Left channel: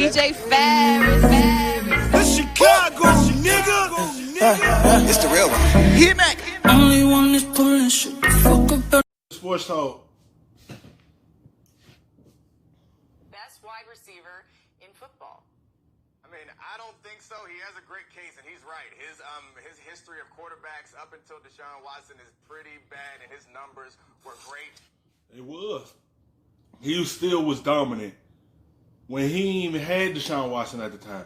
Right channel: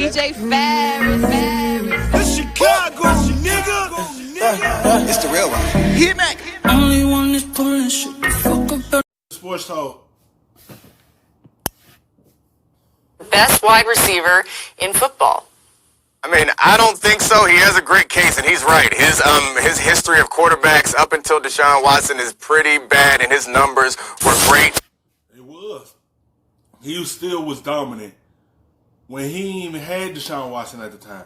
DJ Ferris. The Chicago, nigga. It's the real one. Hit me. Only one is pulling shit the fuck up. Sports talk. Best wide receiver in football. I mean, I don't think so. He has a great case, and he's right. His history of quarterbacks up until Deshaun Watson is pretty bad, and his numbers were great. It was. He still was dominant when he even had Deshaun Watson at the time.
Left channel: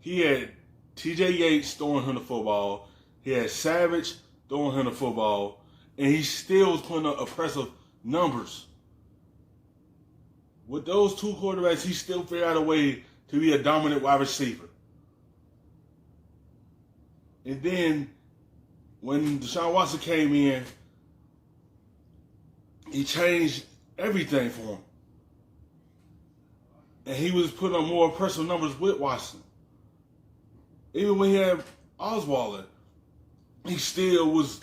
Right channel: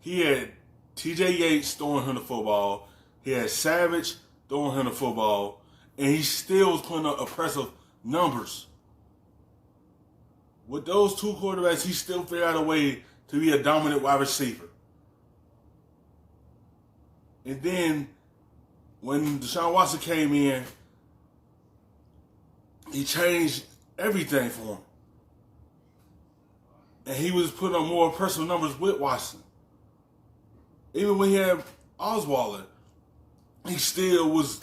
He had T.J. Yates throwing him the football. He had Savage throwing him the football, and he still was putting up impressive numbers. With those two quarterbacks, he still figured out a way to be a dominant wide receiver. And then when Deshaun Watson came in, he changed everything for him. And he was putting up more impressive numbers with Watson. Even when he had Osweiler, he still was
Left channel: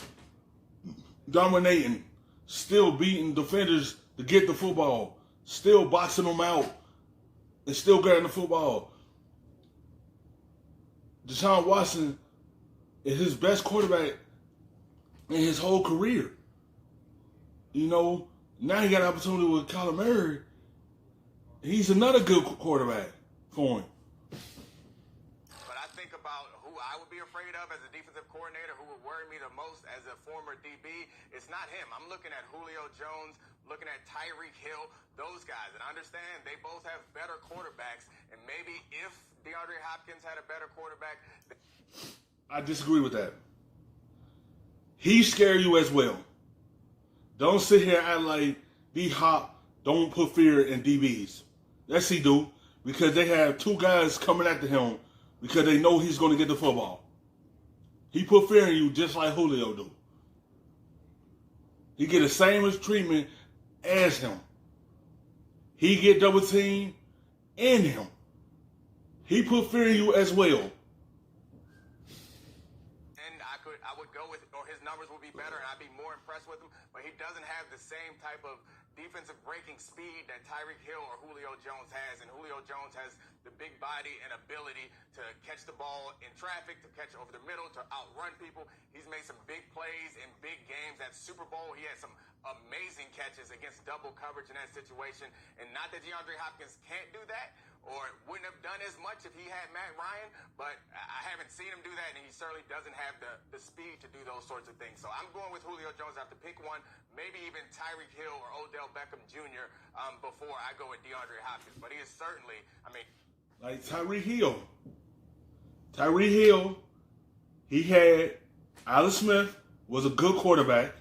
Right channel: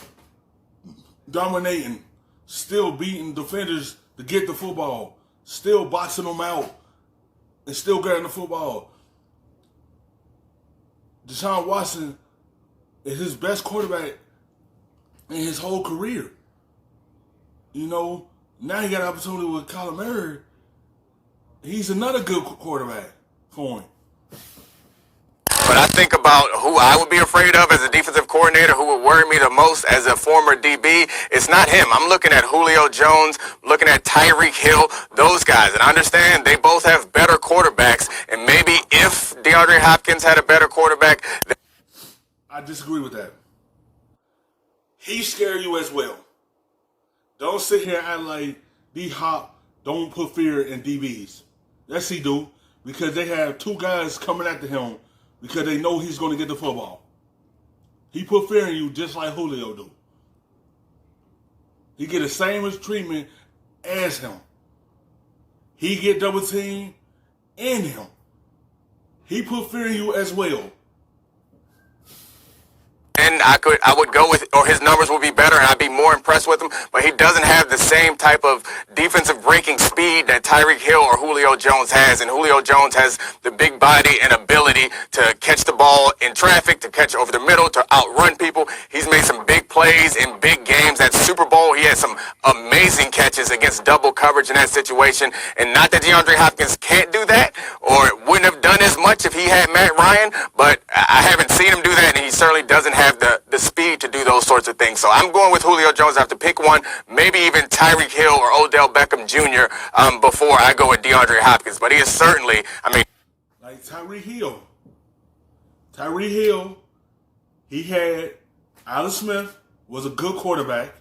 dominating, still beating defenders to get the football, still boxing them out, and still getting the football. Deshaun Watson is his best quarterback in his whole career. You know, now he got an opportunity with Kyler Murray. He's another good quarterback for him. But I think about who I would be afraid of as a defensive coordinator, who would worry me the most as a former DB. It's not him. I'm looking at Julio Jones, looking at Tyreek Hill, those guys. And I understand they both have better quarterbacks. And maybe if DeAndre Hopkins had a better quarterback. I disagree with that. He scare you as well. Don't sit here and act like D-Hop don't put fear in DBs. Yes, he do. Because they have two guys coming after him because they know he's going to get the football. He put fear in you just like Julio do. He get the same treatment as him. He get double teamed in him. He put fear in you as well. And I would go with, or his numbers would be better, and I'd be more impressed with him. But he doesn't have the same type of defensive breaking speed that Tyreek Hill or Julio Jones has. And Julio Jones has the big body and ability to catch the ball in traffic, to catch over the middle, to outrun people. He's made some big plays in big games. That Super Bowl, he had some amazing catches against double coverage in that situation. And not that DeAndre Hopkins can't do that, or wouldn't have done as much if he had Matt Ryan, but I haven't seen him do that, and he certainly doesn't have the speed to do those sorts of things. So I'm going with Julio Jones. I have to pick one, maybe even Tyreek Hill or Odell Beckham Jr. Before I go with DeAndre Hopkins. But he is certainly, like Tyreek Hill. Tyreek Hill, he had Alex Smith, was a good quarterback,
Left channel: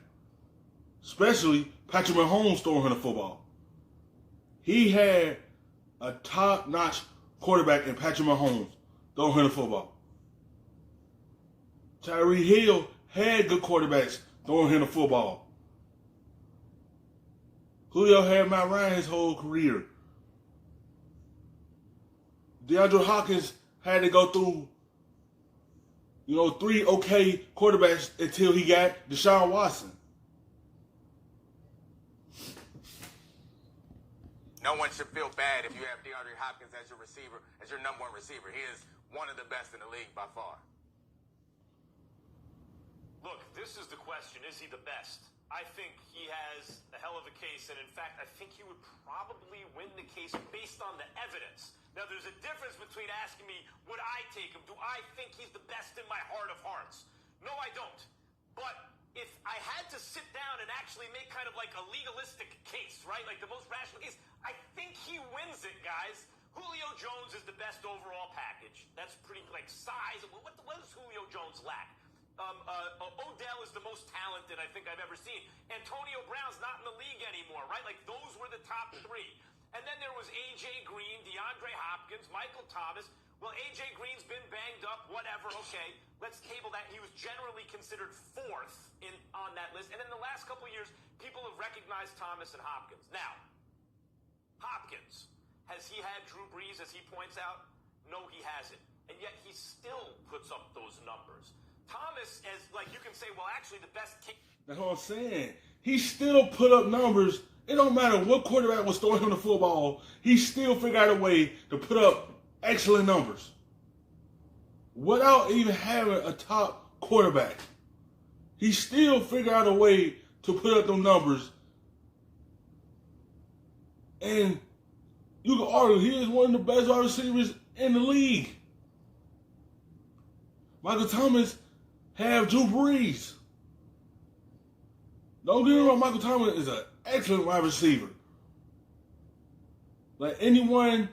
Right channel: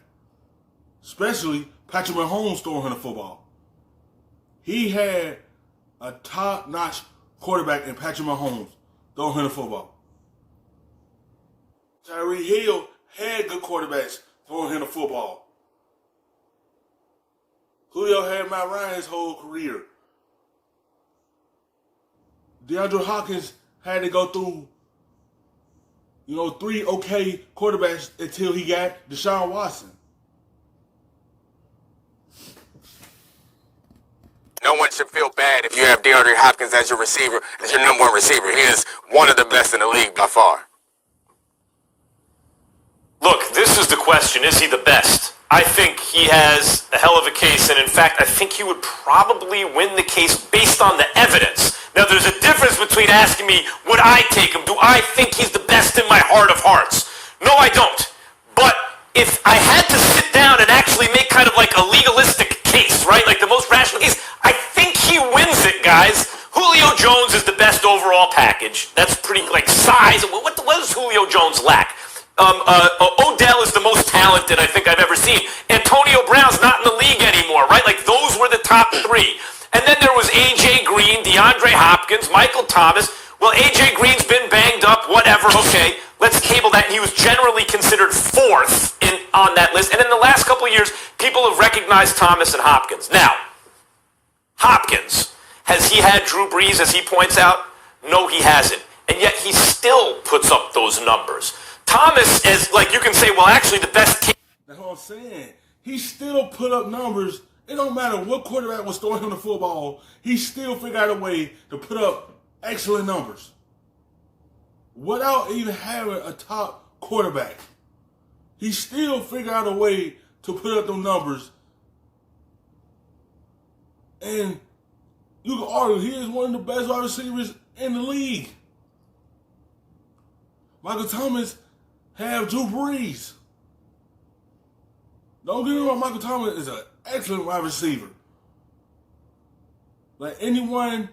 especially Patrick Mahomes throwing him the football. He had a top-notch quarterback in Patrick Mahomes throwing him the football. Tyreek Hill had good quarterbacks throwing him the football. Julio had Matt Ryan his whole career. DeAndre Hopkins had to go through, 3 okay quarterbacks until he got Deshaun Watson. no one should feel bad if you have DeAndre Hopkins as your receiver, as your number one receiver. He is one of the best in the league by far. Look, this is the question. Is he the best? I think he has a hell of a case, and in fact, I think he would probably win the case based on the evidence. Now, there's a difference between asking me, would I take him? Do I think he's the best in my heart of hearts? No, I don't. But if I had to sit down and actually make kind of like a legalistic case, right, like the most rational case, I think he wins it, guys. Julio Jones is the best overall package. That's pretty, like, size. What does Julio Jones lack? Odell is the most talented I think I've ever seen. Antonio Brown's not in the league anymore, right? Like, those were the top three. And then there was A.J. Green, DeAndre Hopkins, Michael Thomas. Well, A.J. Green's been banged up, whatever. Okay, let's table that. And he was generally considered fourth on that list. And in the last couple of years, people have recognized Thomas and Hopkins. Now, Hopkins, has he had Drew Brees, as he points out? No, he hasn't. And yet he still puts up those numbers. Thomas is, like, you can say, well, actually the best team. That's what I'm saying. He still put up numbers It don't matter what quarterback was throwing him the football, he still figured out a way to put up excellent numbers without even having a top quarterback. He still figured out a way to put up those numbers. And you can argue he is one of the best wide receivers in the league. Michael Thomas have Drew Brees. Don't get me wrong, Michael Thomas is an excellent wide receiver. Like anyone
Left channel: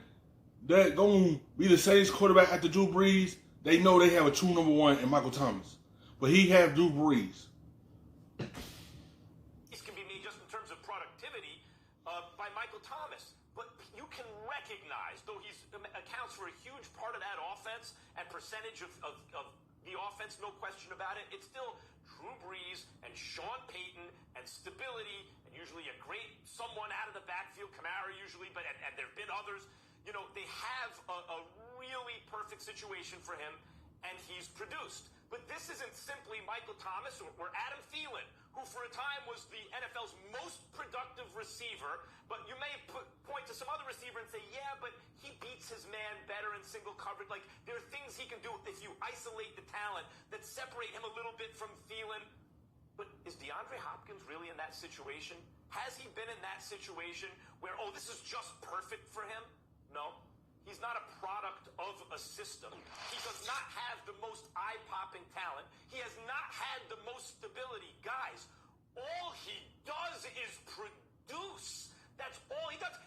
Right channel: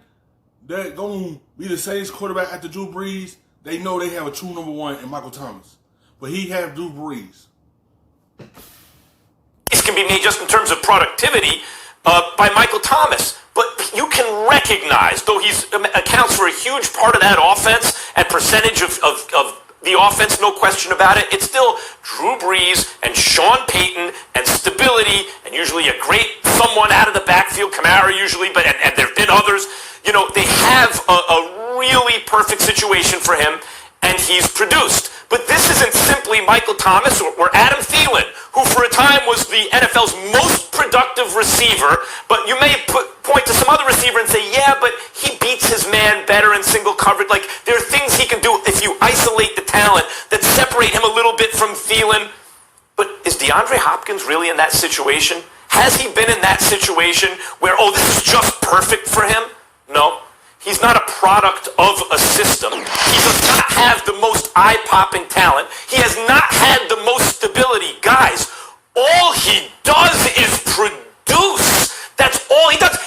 that gonna be the safest quarterback after Drew Brees, they know they have a true number one in Michael Thomas. But he have Drew Brees. This can be made just in terms of productivity by Michael Thomas. But you can recognize, though he accounts for a huge part of that offense and percentage of the offense, no question about it, it's still Drew Brees and Sean Payton and stability and usually a great someone out of the backfield, Kamara usually, but and there have been others. You know, they have a really perfect situation for him, and he's produced. But this isn't simply Michael Thomas or Adam Thielen, who for a time was the NFL's most productive receiver, but you may point to some other receiver and say, yeah, but he beats his man better in single coverage. Like, there are things he can do if you isolate the talent that separate him a little bit from Thielen. But is DeAndre Hopkins really in that situation? Has he been in that situation where, oh, this is just perfect for him? No. He's not a product of a system. He does not have the most eye-popping talent. He has not had the most stability. Guys, all he does is produce. That's all he does.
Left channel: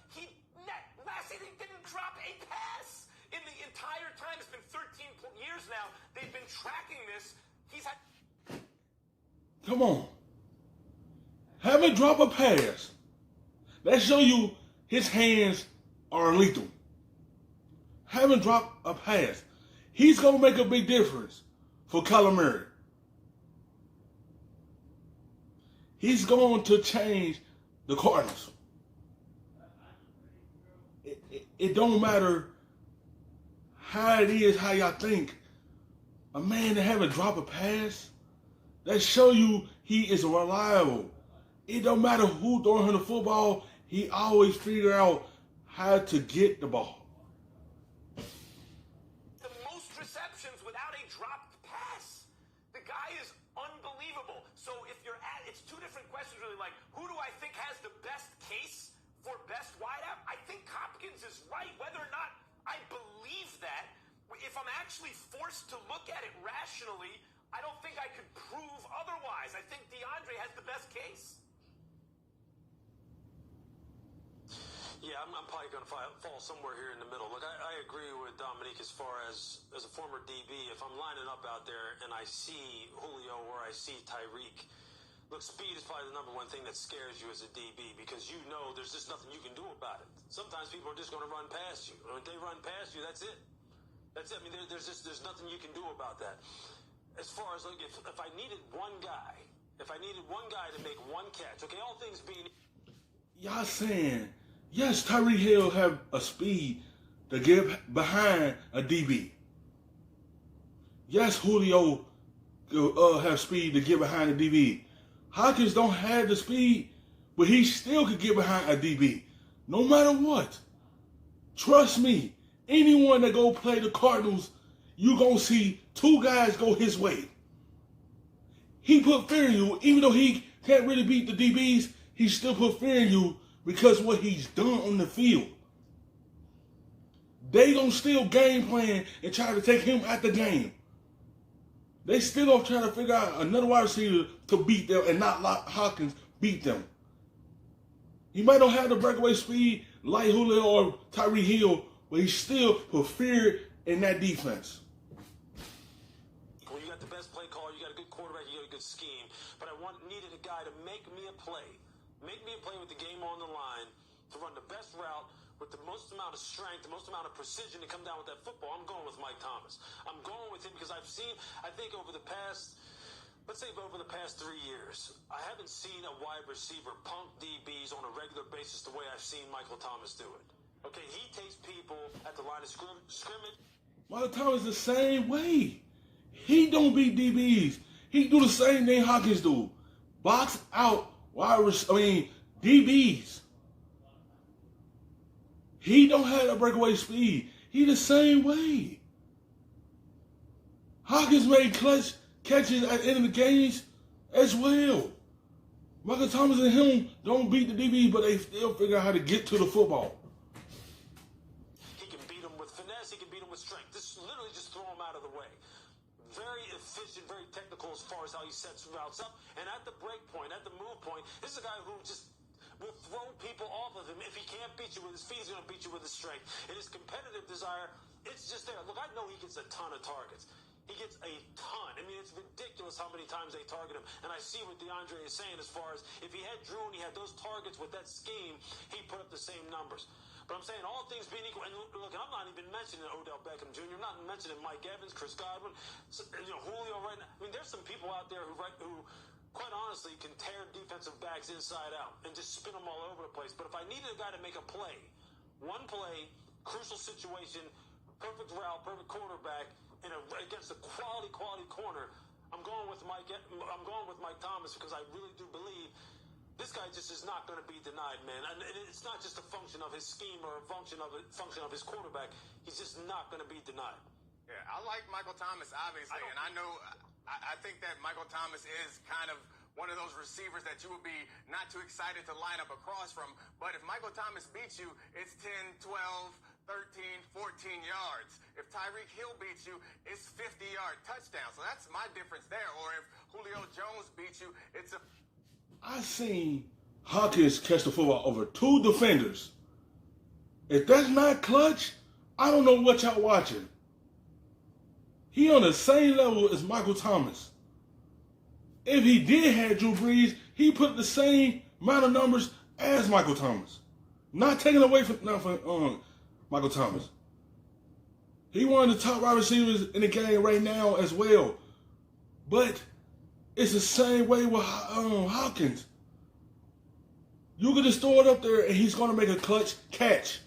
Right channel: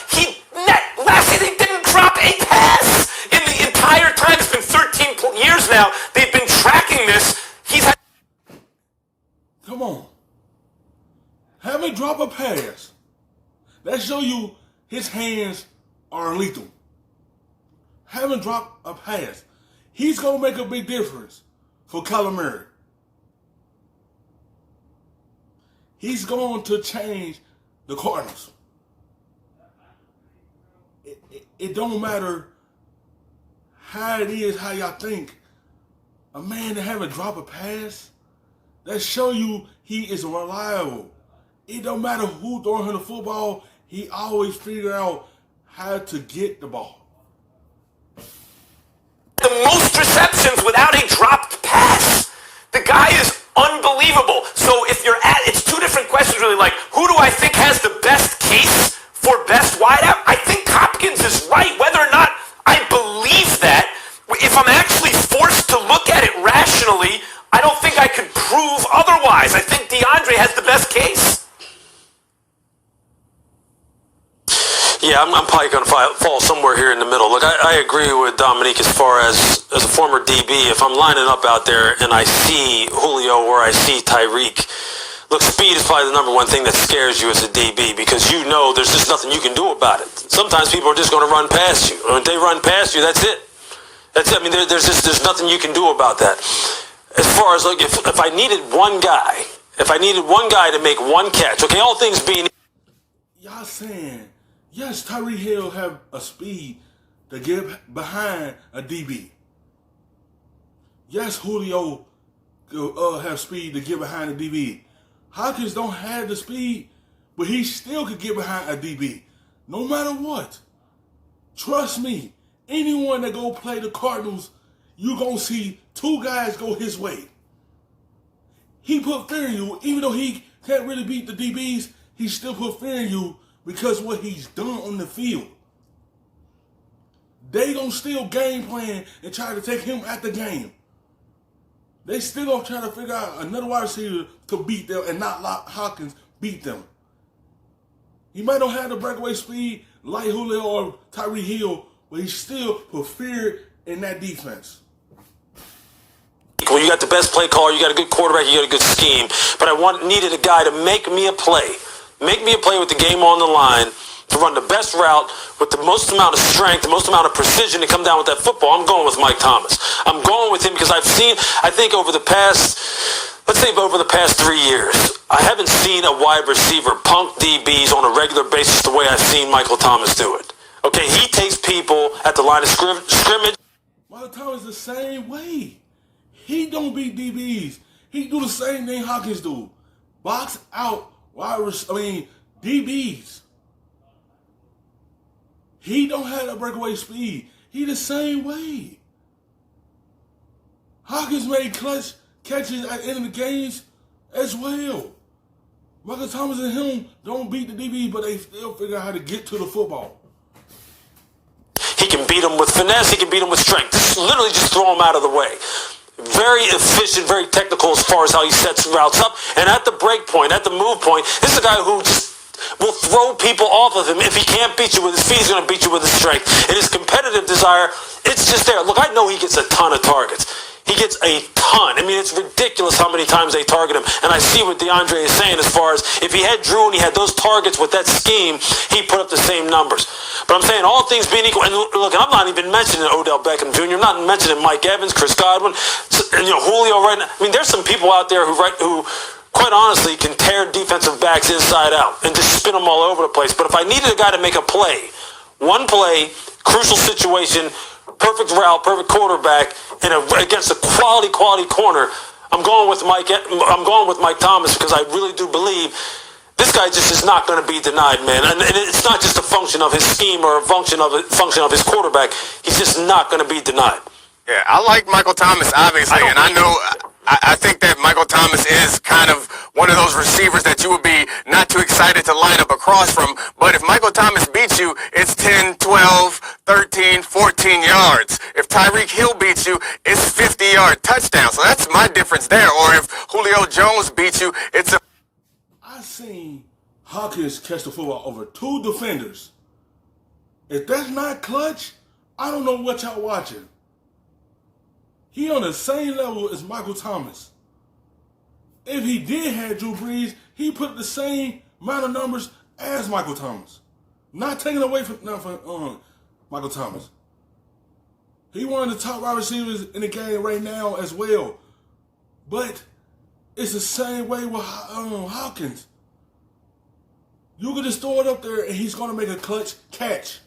Last year they didn't drop a pass. In the entire time, it's been 13 years now, they've been tracking this. He's had... Come on. Haven't dropped a pass. That show you his hands are lethal. Haven't dropped a pass. He's going to make a big difference for Kyler Murray. He's going to change the Cardinals. It don't matter how it is, how y'all think. A man that haven't dropped a pass, that show you he is reliable. It don't matter who throwing him the football, he always figure out how to get the ball. The most receptions without a dropped pass. The guy is unbelievable. So if you're it's two different questions really, like, who do I think has the best case for best wideout? I think Hopkins is right. Whether or not I believe that, if I'm actually forced to look at it rationally, I don't think I could prove otherwise. I think DeAndre has the best case. Yeah, I'm probably going to fall somewhere here in the middle. Look, I agree with Dominique as far as a former DB. If I'm lining up out there and I see Julio or I see Tyreek, look, speed is probably the number one thing that scares you as a DB because you know there's just nothing you can do about it. Sometimes people are just going to run past you. Or if they run past you, that's it. That's it. I mean, there's nothing you can do about that. As far as, look, if I needed one guy to make one catch, okay, all things being... Y'all saying... Yes, Tyreek Hill have a speed to get behind a DB. Yes, Julio have speed to get behind a DB. Hopkins don't have the speed, but he still could get behind a DB. No matter what. Trust me, anyone that go play the Cardinals, you gonna see two guys go his way. He put fear in you, even though he can't really beat the DBs, he still put fear in you because of what he's done on the field. They gonna still game plan and try to take him at the game. They still gonna try to figure out another wide receiver to beat them and not let Hopkins beat them. He might not have the breakaway speed like Julio or Tyreek Hill, but he still put fear in that defense. Well, you got the best play caller, you got a good quarterback, you got a good scheme, but I needed a guy to make me a play. Make me a play with the game on the line, to run the best route with the most amount of strength, the most amount of precision to come down with that football. I'm going with Mike Thomas. I'm going with him because I think over the past 3 years, I haven't seen a wide receiver punk DBs on a regular basis the way I've seen Michael Thomas do it. Okay, he takes people at the line of scrimmage. Michael Thomas the same way. He don't beat DBs. He do the same thing Hopkins do. Box out DBs. He don't have that breakaway speed. He the same way. Hopkins made clutch catches at the end of the games as well. Michael Thomas and him don't beat the DB, but they still figure out how to get to the football. He can beat him with finesse. He can beat him with strength. Literally just throw him out of the way. Very efficient, very technical as far as how he sets routes up. And at the break point, at the move point, this is a guy who just will throw people off of him. If he can't beat you with his feet, he's going to beat you with his strength. And his competitive desire, it's just there. Look, I know he gets a ton of targets. He gets a ton. I mean, it's ridiculous how many times they target him. And I see what DeAndre is saying as far as if he had Drew and he had those targets with that scheme, he put up the same numbers. But I'm saying all things being equal, and look, I'm not even mentioning Odell Beckham Jr., I'm not mentioning Mike Evans, Chris Godwin, and Julio right now. I mean, there's some people out there who quite honestly can tear defensive backs inside out and just spin them all over the place. But if I needed a guy to make a play, one play, crucial situation, perfect route, perfect quarterback, and against a quality corner, I'm going with Mike Thomas because I really do believe this guy just is not going to be denied, man. And it's not just a function of his scheme or a function of his quarterback. He's just not going to be denied. Yeah, I like Michael Thomas, obviously, and I think that Michael Thomas is kind of one of those receivers that you would be not too excited to line up across from. But if Michael Thomas beats you, it's 10, 12, 13, 14 yards. If Tyreek Hill beats you, it's 50-yard touchdown. So that's my difference there. Or if Julio Jones beats you, it's a... I seen Hopkins catch the football over 2 defenders. If that's not clutch, I don't know what y'all watching. He on the same level as Michael Thomas. If he did have Drew Brees, he put the same amount of numbers as Michael Thomas. Not taking away from Michael Thomas. He one of the top wide receivers in the game right now as well. But it's the same way with Hopkins. You can just throw it up there and he's going to make a clutch catch.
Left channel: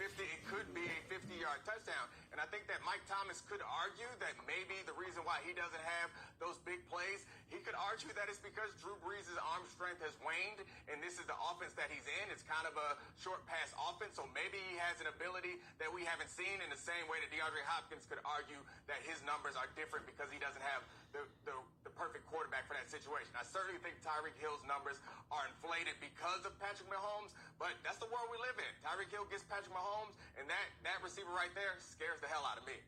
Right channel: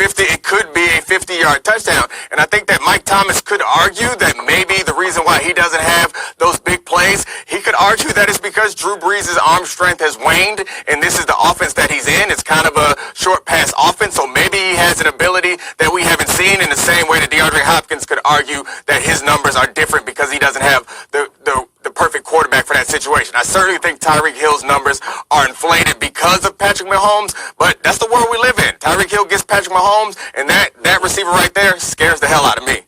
It could be a 50-yard touchdown. And I think that Mike Thomas could argue that maybe the reason why he doesn't have those big plays, he could argue that it's because Drew Brees' arm strength has waned, and this is the offense that he's in. It's kind of a short pass offense, so maybe he has an ability that we haven't seen in the same way that DeAndre Hopkins could argue that his numbers are different because he doesn't have the perfect quarterback for that situation. I certainly think Tyreek Hill's numbers are inflated because of Patrick Mahomes, but that's the world we live in. Tyreek Hill gets Patrick Mahomes, and that receiver right there scares the hell out of me.